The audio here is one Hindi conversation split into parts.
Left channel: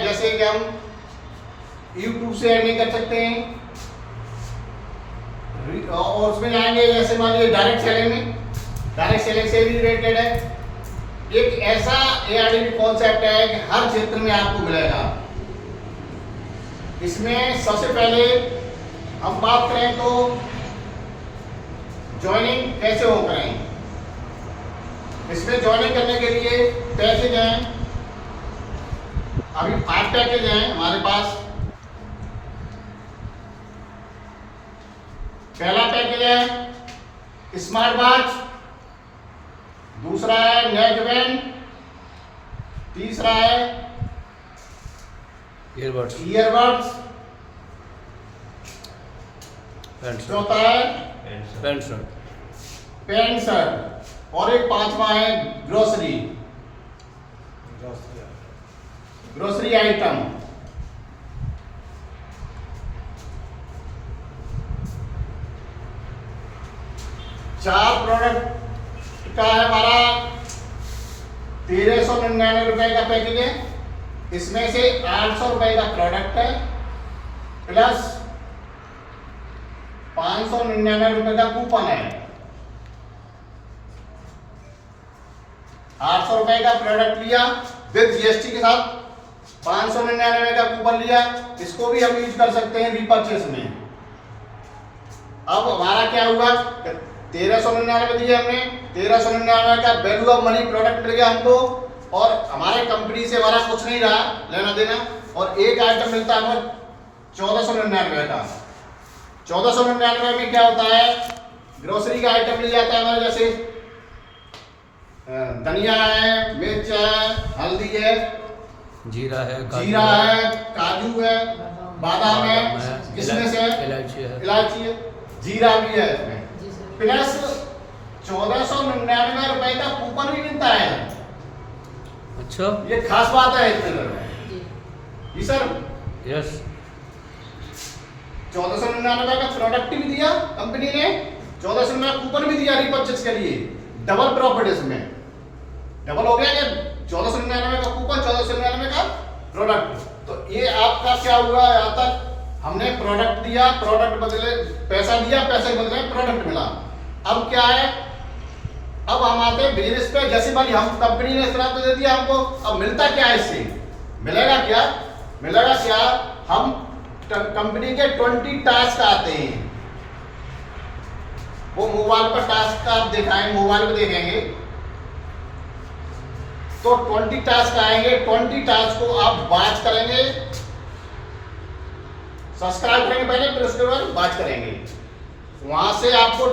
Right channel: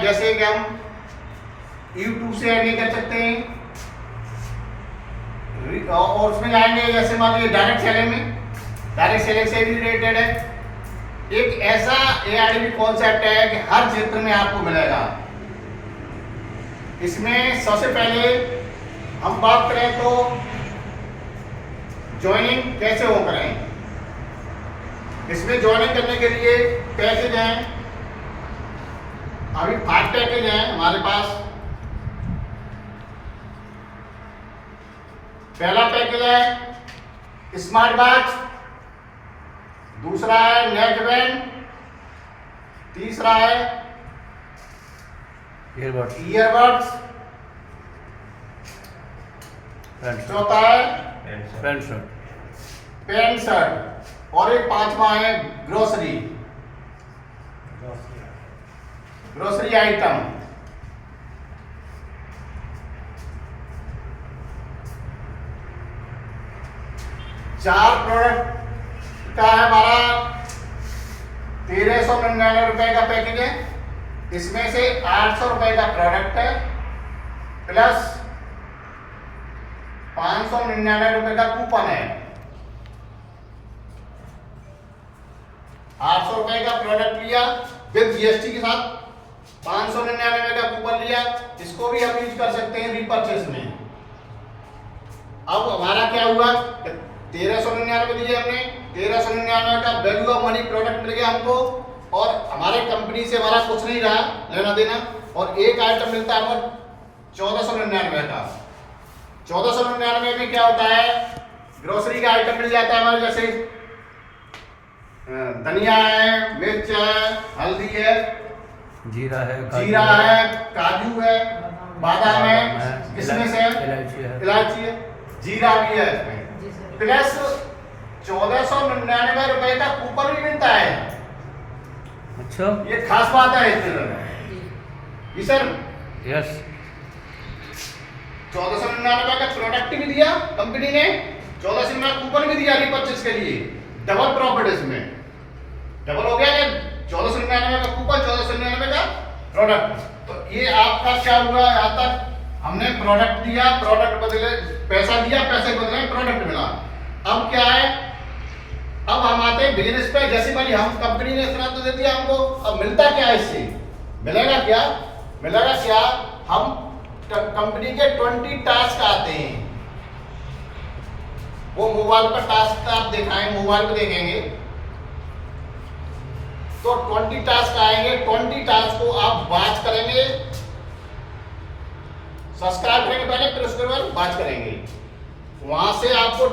है जैसे कि हम YouTube से अर्निंग कर सकते हैं, और उसमें जाएंगे जैसे मान लीजिए डायरेक्ट सेलिंग में, डायरेक्ट सेलिंग से भी रिलेटेड है। एक ऐसा ARDB कॉन्सेप्ट है कि हर क्षेत्र में आपको मिलेगा। इसमें सबसे पहले हम बात करें तो ज्वाइनिंग कैसे हो करें। इसमें ज्वाइनिंग करने के लिए पैकेज हैं, अभी 5 पैकेज हैं हमारे पास। पहला पैकेज है स्मार्ट वॉच, दूसरा है नेक बैंड, तीसरा है ईयरबड्स, चौथा है पैंट शर्ट, और एक 5वां है ग्रोसरी आइटम। चार प्रोडक्ट का है हमारा 1399 रुपए का पैकेज है। इसमें से 800 रुपए का प्रोडक्ट है प्लस 599 रुपए का कूपन है। 800 रुपए का प्रोडक्ट लिया विद GST के साथ, 599 का कूपन लिया, इसको भी हम यूज कर सकते हैं रीपर्चेस में। अब हमारा क्या हुआ, 1399 दिए हमने, 1399 का वैल्यू ऑफ मनी प्रोडक्ट मिल गया हमको, और हमारे कंपनी से हमारा कुछ नहीं रहा लेना देना, और एक आइटम मिलता है हमें 1499 का। 1499 में क्या होता है, ग्रोसरी का आइटम मिल जाता है हमारे, जैसे धनिया है, मिर्च है, हल्दी है, जीरा है, काजू है, बादाम है, किशमिश है, इलायची है, जीरा भी है इसमें, प्लस 1499 रुपए का कूपन भी मिलता है। अच्छा, ये खास बात है इसमें जी सर। यस, 1499 का प्रोडक्ट भी दिया कंपनी ने, 1499 कूपन भी दिया रीपर्चेस के लिए, डबल प्रॉफिट इसमें, डबल हो गया कि 1499 का कूपन, 1499 का प्रोडक्ट। तो ये आपका क्या हुआ, यहाँ तक हमने प्रोडक्ट दिया, प्रोडक्ट बदले पैसा दिया, पैसे बदले प्रोडक्ट मिला। अब क्या है, अब हम आते हैं बिजनेस पे। जैसे वाली हम कंपनी ने इस तरह तो दे दिया हमको, अब मिलता क्या है इससे, मिलेगा क्या, हम कंपनी के 20 टास्क आते हैं, वो मोबाइल पर टास्क का आप दिखाएं, मोबाइल पे देखेंगे तो 20 टास्क आएंगे। 20 टास्क को आप वॉच करेंगे, सब्सक्राइब करेंगे पहले, फिर उसके बाद वॉच करेंगे। वहां से आपको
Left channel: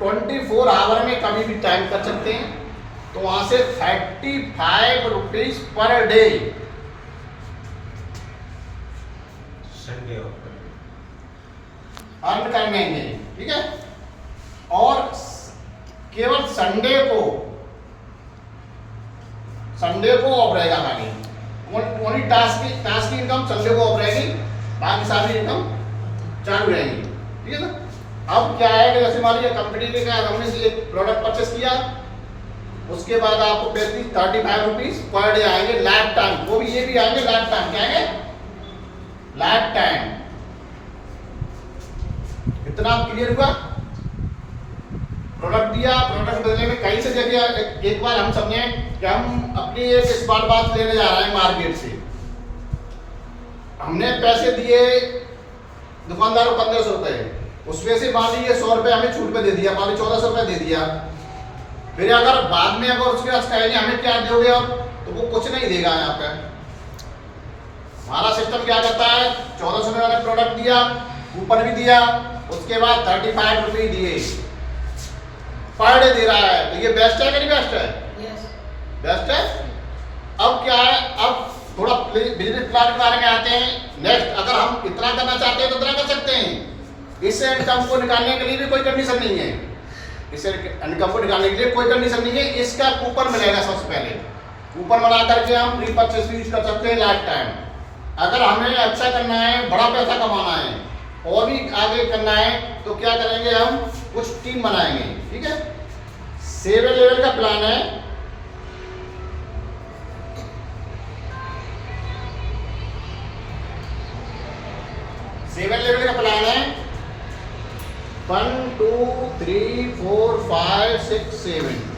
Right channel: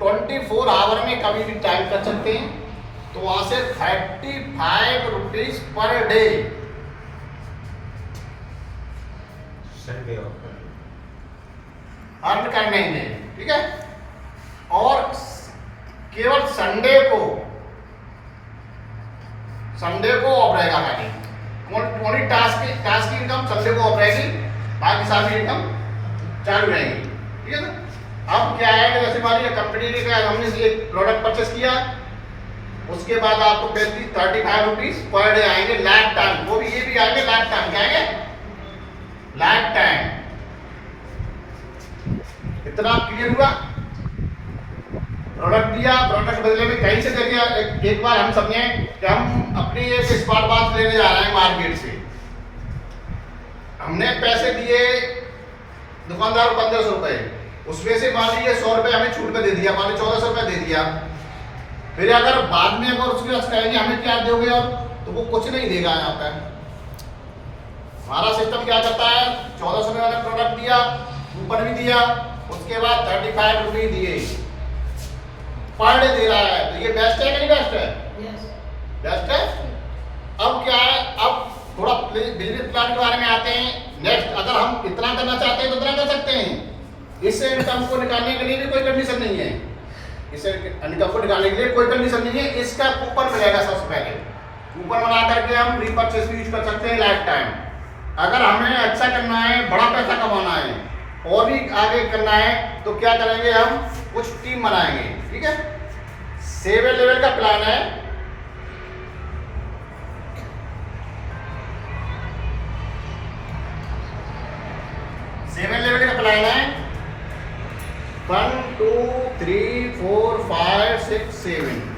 24 आवर में कभी भी टाइम कर सकते हैं। तो वहां से 35 रुपीज पर डे अर्न करने में, ठीक है। और केवल संडे को ऑफ रहेगा खाली, 20 टास्क की इनकम संडे को ऑफ रहेगी, बाकी सारी इनकम चालू रहेगी, ठीक है ना। अब क्या है कि जैसे मान लीजिए कंपनी ने क्या, हमने एक प्रोडक्ट परचेस किया, उसके बाद आपको 35 रुपीज पर डे आएंगे लाइफ टाइम, वो भी ये भी आएंगे लाइफ टाइम, क्या आएंगे लाइफ टाइम। इतना क्लियर हुआ। प्रोडक्ट दिया, प्रोडक्ट बदले में कहीं से जरिए एक बार हम समझे कि हम अपनी एक स्मार्ट वॉच लेने जा रहे हैं मार्केट से, हमने पैसे दिए दुकानदार को 1500 रुपए, उसमें से मान लीजिए 100 रुपए हमें छूट पे दे दिया, मान लीजिए 1400 रुपए दे दिया। फिर अगर बाद में अगर उसके पास कहेंगे हमें क्या दोगे, और तो वो कुछ नहीं देगा। यहाँ पे हमारा सिस्टम क्या करता है, 1400 में वाले प्रोडक्ट दिया, कूपन भी दिया, उसके बाद 35 रुपये दिए, पर डे दे रहा है। तो ये बेस्ट है कि नहीं बेस्ट है? बेस्ट है। अब क्या है, अब थोड़ा बिजनेस प्लान के बारे में आते हैं। नेक्स्ट, अगर हम इतना करना चाहते हैं तो इतना कर सकते हैं। इस इनकम को निकालने के लिए भी कोई कंडीशन नहीं है, इस इनकम को निकालने के लिए कोई कंडीशन नहीं है। इसका कूपन मिलेगा, सबसे पहले कूपन बना करके हम रीपर्चेस भी यूज कर सकते हैं लाइफ टाइम। अगर हमें अच्छा करना है, बड़ा पैसा कमाना है और भी आगे करना है, तो क्या करेंगे, हम कुछ टीम बनाएंगे, ठीक है। 7 लेवल का प्लान है। 7 लेवल का प्लान है। 1 2 3 4 5 6 7।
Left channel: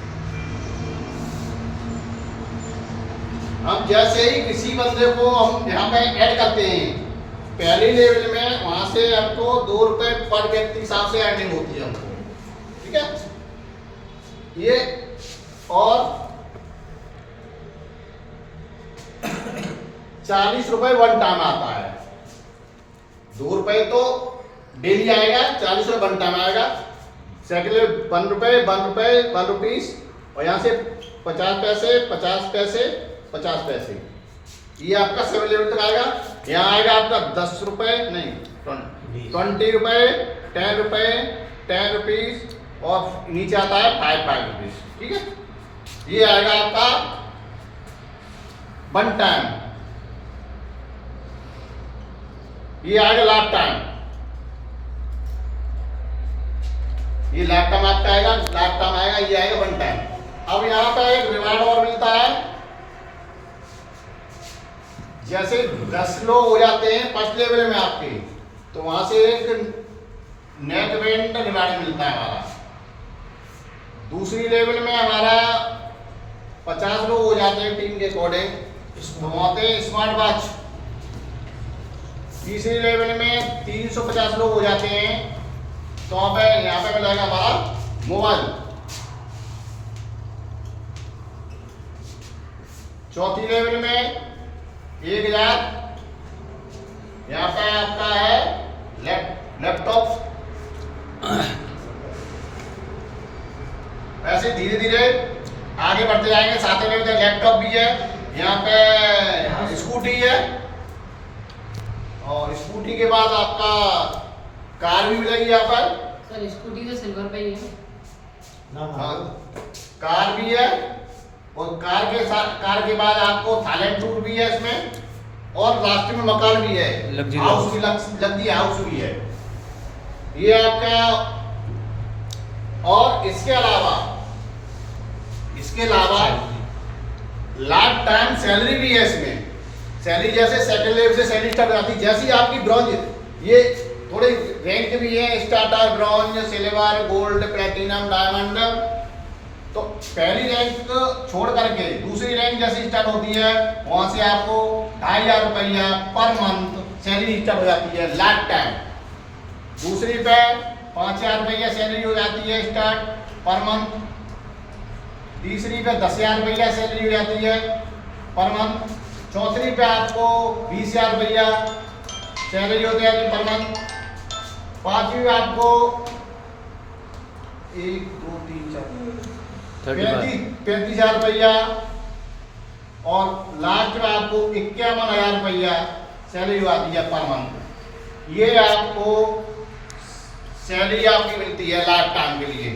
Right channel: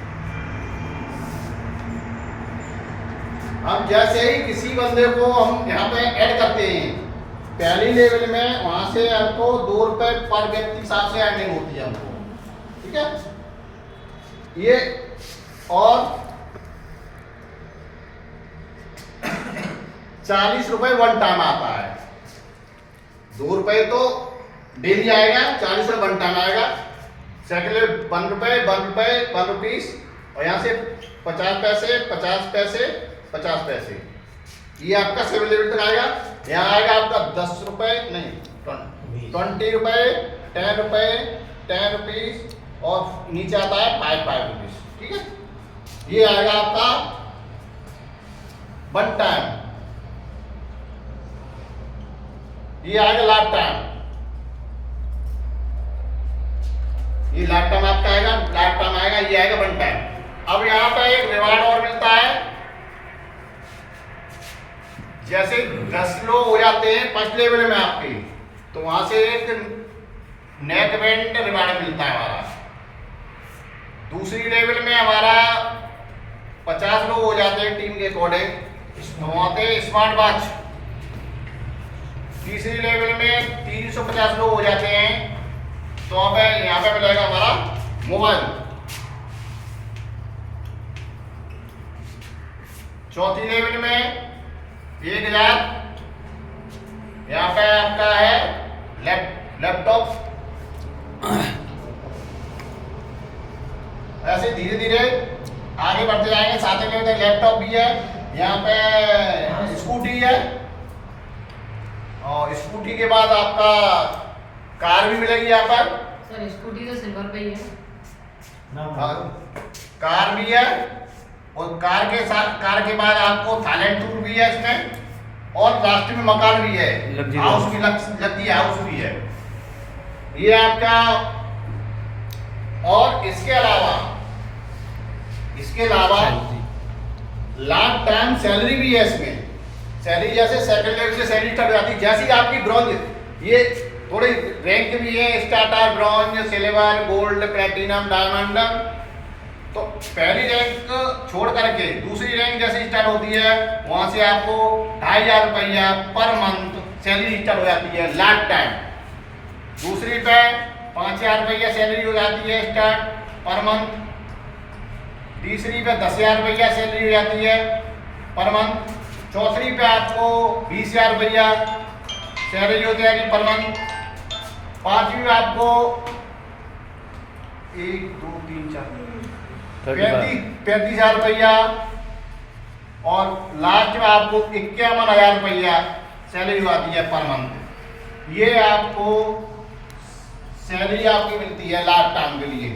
अब जैसे ही किसी बंदे को हम यहाँ पे ऐड करते हैं पहली लेवल में, वहां से हमको 2 रुपए पर व्यक्ति हिसाब से अर्निंग होती है हमको, ठीक है। ये और 40 रुपए वन टाइम आता है। 2 रुपए तो डेली आएगा, 40 रुपए वन टाइम आएगा। सेकंड लेवल 1 रुपए 1 रुपए 1 रुपीस, और यहाँ से 50 पैसे 50 पैसे 50 पैसे। ये आपका 7 लेवल तक आएगा। यहाँ आएगा आपका 10 रुपए नहीं 20 रुपए 10 रुपए 10 रुपीस, और नीचे आता है 5 रुपीस, ठीक है। ये आएगा आपका वन टाइम। ये आएगा लाइफ टाइम। ये लाइफ टाइम आपका आएगा, लाइफ टाइम आएगा, ये आएगा वन टाइम। अब यहाँ पे एक रिवार्ड और मिलता है। जैसे 10 लोग हो जाते हैं फर्स्ट लेवल में आपके, तो वहां से एक नेट इवेंट रिवार्ड मिलता है हमारा। दूसरी लेवल में हमारा 50 लोग हो जाते हैं टीम के अकॉर्डिंग, तो वहां पे स्मार्ट वॉच। तीसरी लेवल में 350 लोग हो जाते हैं, तो वहां पे यहाँ पे मिलेगा हमारा मोबाइल। चौथी लेवल में 1000, यहाँ पे आपका है लैपटॉप। ऐसे धीरे धीरे आगे बढ़ते जाएंगे। सातवें लेवल तक लैपटॉप भी है, यहाँ पे स्कूटी है, और स्कूटी के बाद आपका कार भी मिलेगी यहाँ पर। सर स्कूटी तो सिल्वर पे ही है हाँ, कार भी है, और कार के साथ कार के बाद आपको थाईलैंड टूर भी है इसमें, और लास्ट में मकान भी है, हाउस भी लगती है, हाउस भी है ये आपका। और इसके अलावा लाइफ टाइम सैलरी भी है इसमें। सैलरी जैसे सेकंड लेवल से सैलरी स्टार्ट हो जाती है, जैसी आपकी ब्रॉन्ज, ये थोड़े रैंक भी है, starter, bronze, silver, gold, platinum, diamond. तो पहली रैंक छोड़ करके दूसरी रैंक जैसे स्टार्ट होती है, वहां से आपको 2500 रुपया पर मंथ सैलरी स्टार्ट हो जाती है लाइफ टाइम। दूसरी पे 5000 रुपया सैलरी हो जाती है स्टार्ट पर मंथ। तीसरी पे 10,000 रुपया सैलरी हो जाती है पर मंथ। चौथी पे आपको 20,000 रुपया सैलरी होती है पर मंथ। पांचवी में आपको 1 2 3 4 35,000 रुपया, और लास्ट में आपको 51,000 रुपया सैलरी आती है पर मंथ। ये आपको सैलरी आपकी मिलती है लाइफ टाइम के लिए।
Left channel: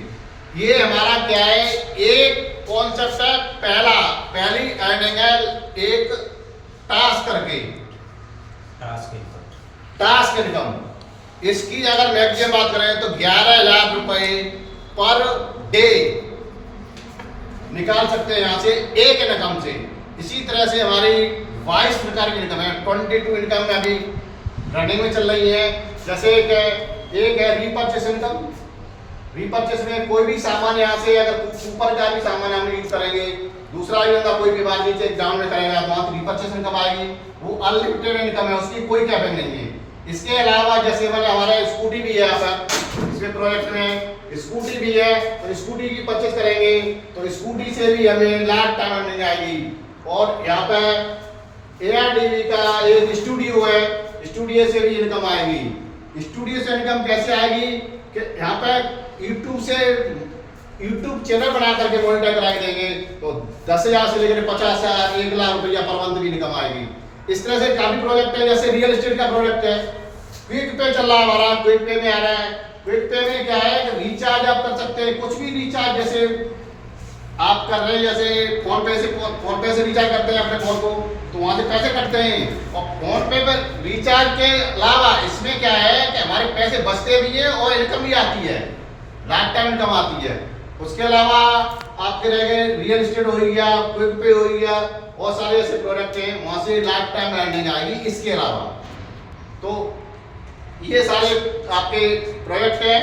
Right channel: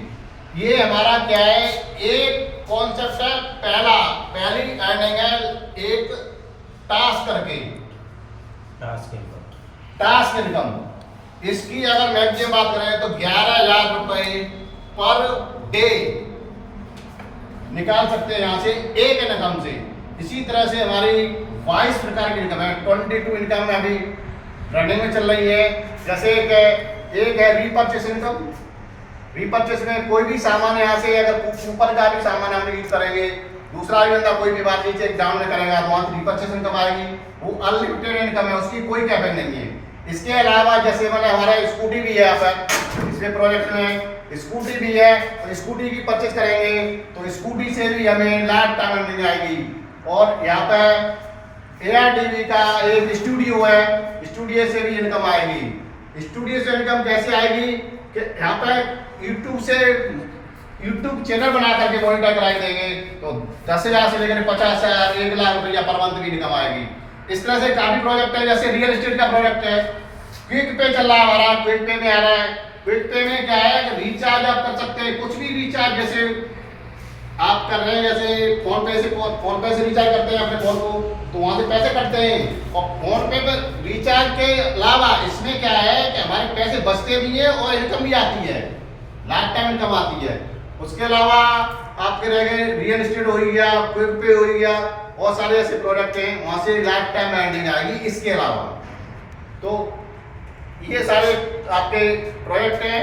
ये हमारा क्या है, एक कॉन्सेप्ट है, पहली अर्निंग है एक टास्क करके, टास्क इनकम। इसकी अगर मैक्सिमम बात करें तो 11,000 रुपए पर डे निकाल सकते हैं यहाँ से एक इनकम से। इसी तरह से हमारी 22 प्रकार की इनकम है, 22 इनकम में अभी रनिंग में चल रही है। जैसे एक है रीपरचेस इनकम। रीपरचेस में कोई भी सामान यहाँ से अगर ऊपर का भी सामान हम यूज करेंगे, दूसरा भी बंदा कोई भी बात नीचे डाउन में करेगा, तो वहाँ रीपरचेस इनकम आएगी। वो अनलिमिटेड इनकम है, उसकी कोई कैपिंग नहीं है। इसके अलावा जैसे मैंने हमारा स्कूटी भी है यहाँ पर, इसमें प्रोजेक्ट में स्कूटी भी है, और स्कूटी की परचेज करेंगे तो स्कूटी से भी हमें लाइफ टाइम अर्निंग आएगी। और यहाँ पे ARDV का एक स्टूडियो है, स्टूडियो से भी इनकम आएगी। स्टूडियो से इनकम कैसे आएगी कि यहाँ पे यूट्यूब चैनल बना करके मॉनिटर कराई देंगे, तो 10,000 से लेकर 50,000 1 लाख रुपया पर मंथ की इनकम आएगी। इस तरह से काफी प्रोजेक्ट है। जैसे रियल एस्टेट का प्रोजेक्ट है, क्विक पे चल रहा है हमारा, क्विक पे में आ रहा है। क्विक पे में क्या है कि रिचार्ज आप कर सकते हैं, कुछ भी रिचार्ज जैसे आप कर रहे हैं, जैसे फोन पे से रिचार्ज करते हैं अपने फोन को, तो वहां से पैसे कटते हैं। और फोन पे पर रिचार्ज के अलावा इसमें क्या है कि हमारे पैसे बचते भी है और इनकम भी आती है, लाइफ टाइम इनकम आती है। उसके अलावा आपके रह गए रियल एस्टेट हो गया, क्विक पे हो गया, बहुत सारे ऐसे प्रोडक्ट हैं, वहां से लाइफ टाइम अर्निंग आएगी। इसके अलावा तो ये सारे आपके प्रोजेक्ट हैं।